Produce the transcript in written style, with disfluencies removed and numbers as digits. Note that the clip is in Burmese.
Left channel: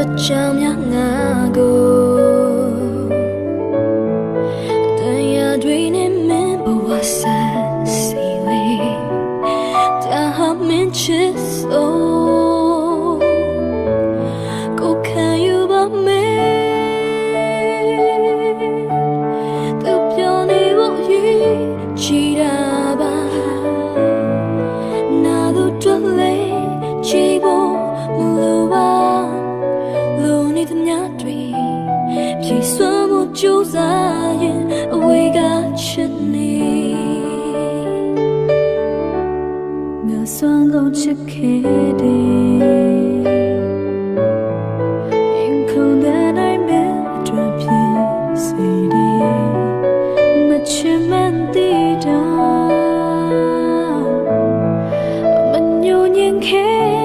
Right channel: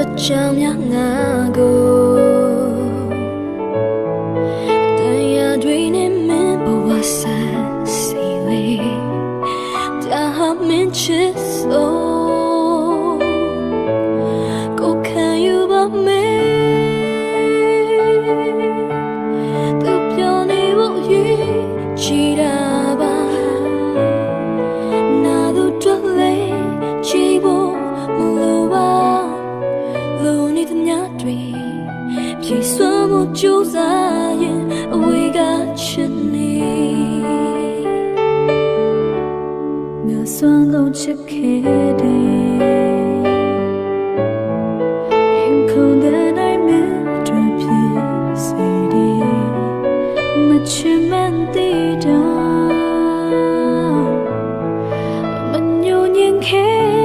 အတွက်ကြောင့်များငါကိုတရားတွေနဲ့မင်းဘဝဆန်းစီလေဒါဟာမင်းချစ်ဆိုကိုခံယူပါမယ်သူပြောနေဖို့ရည်ကြည်တာပါနာတို့တွေ့လေကြည်ဖို့မလိုပါလိုနေတဲ့ညတွေဖြည့်စွမ်းမှုကြိုးစားရင်အဝေးကချစ်နေငါစွမ်းကုန်ချစ်ခဲ့တယ်ရင်ခုန်တဲ့နိုင်မဲ့အတွက်ဖြစ်စေတယ်မချင်မှန်းသိတော့မညှို့ညင်ခဲ့